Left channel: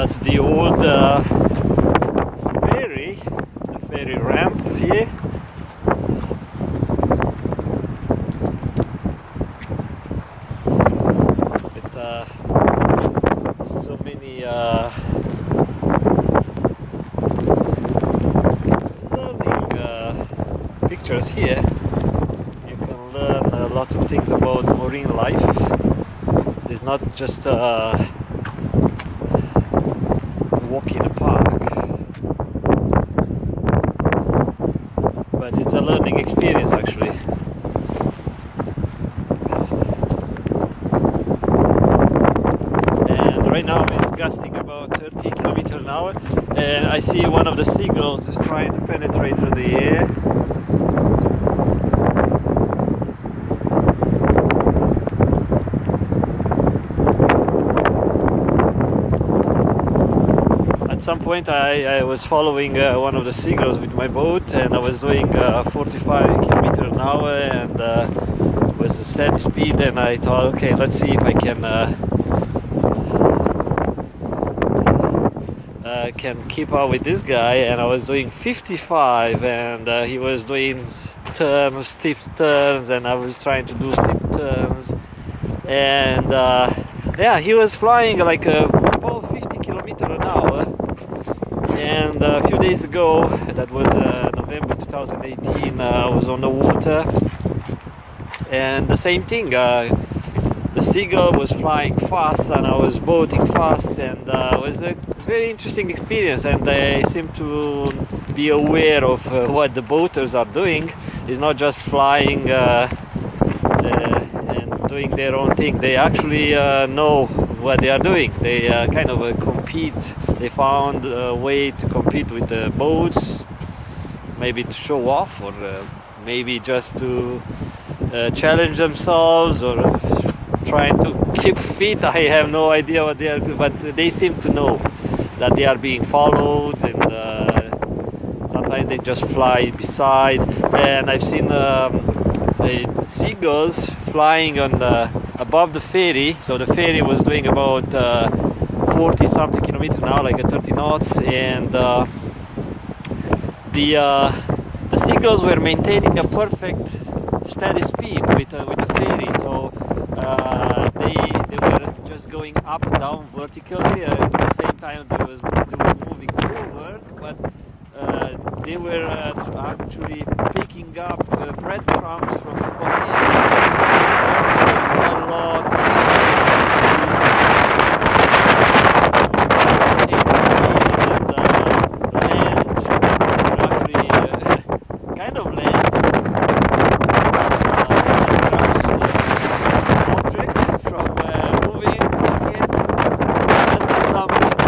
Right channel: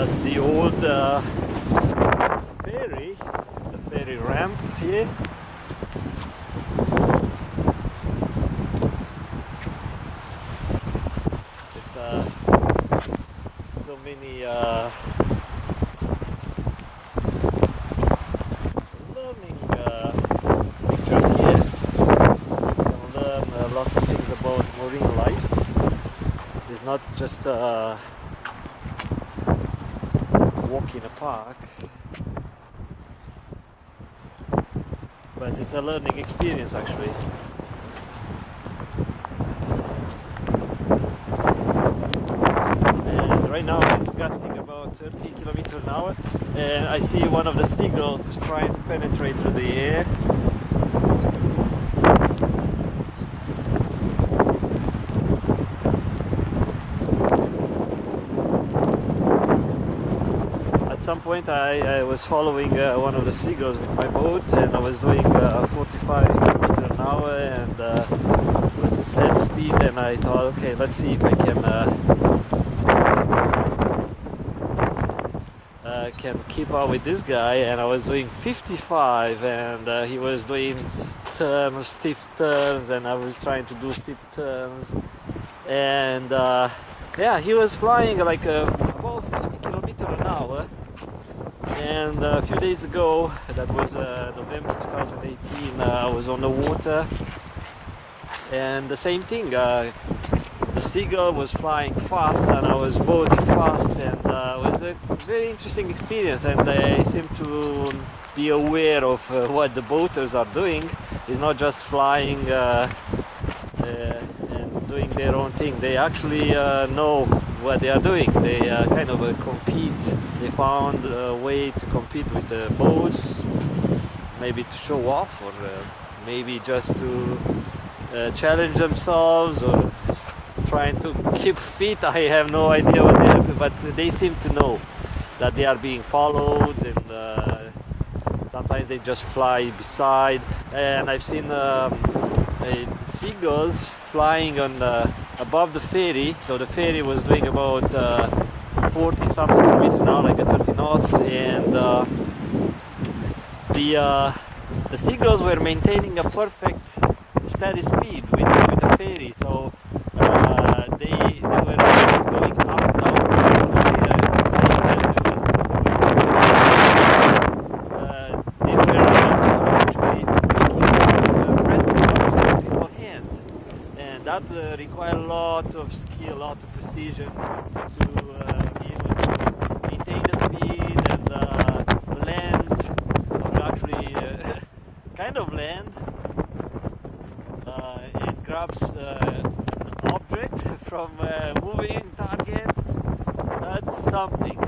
That's the old ferry, the ferry ramp here. With so many learning pictures here. You can learn a lot of things about marine life. It's not just walk in a park, but it's a learning experience actually. And right now it's gusting about 30 kilometers an hour, and I see one of the seagulls is trying to penetrate through the air. At some point I was following one of the seagulls with my boat, and I was doing 45 kilometers an hour, and was a steady speed, and I thought, okay, let's see if I can keep up with this guy. And I was doing 55, and he was doing turns, steep turns, and I was trying to do steep turns, and yeah, he was flying like about 50 kilometers an hour. And a few days ago, that was November 2018, I was on the water, and the same thing, the seagull was flying fast and I was boating fast, and it was a very interesting experience, and they seem to be aware of what the boaters are doing. It's not just flying and doing their own thing. They actually know what they are doing. They kind of compete. They found a way to compete with the boats, maybe to show off, or maybe just to challenge themselves, or trying to keep fit. I have no idea what they are doing, but they seem to know that they are being followed, and sometimes they just fly beside. And I've seen seagulls flying on above the ferry. So the ferry was doing about 40 something kilometers an hour, like 30 knots, and the seagulls were maintaining a perfect steady speed with the ferry. So they were just going up and down vertically, at the same time they were actually picking up breadcrumbs from the air. That was a lot of kind of land grabs object from moving target. That's something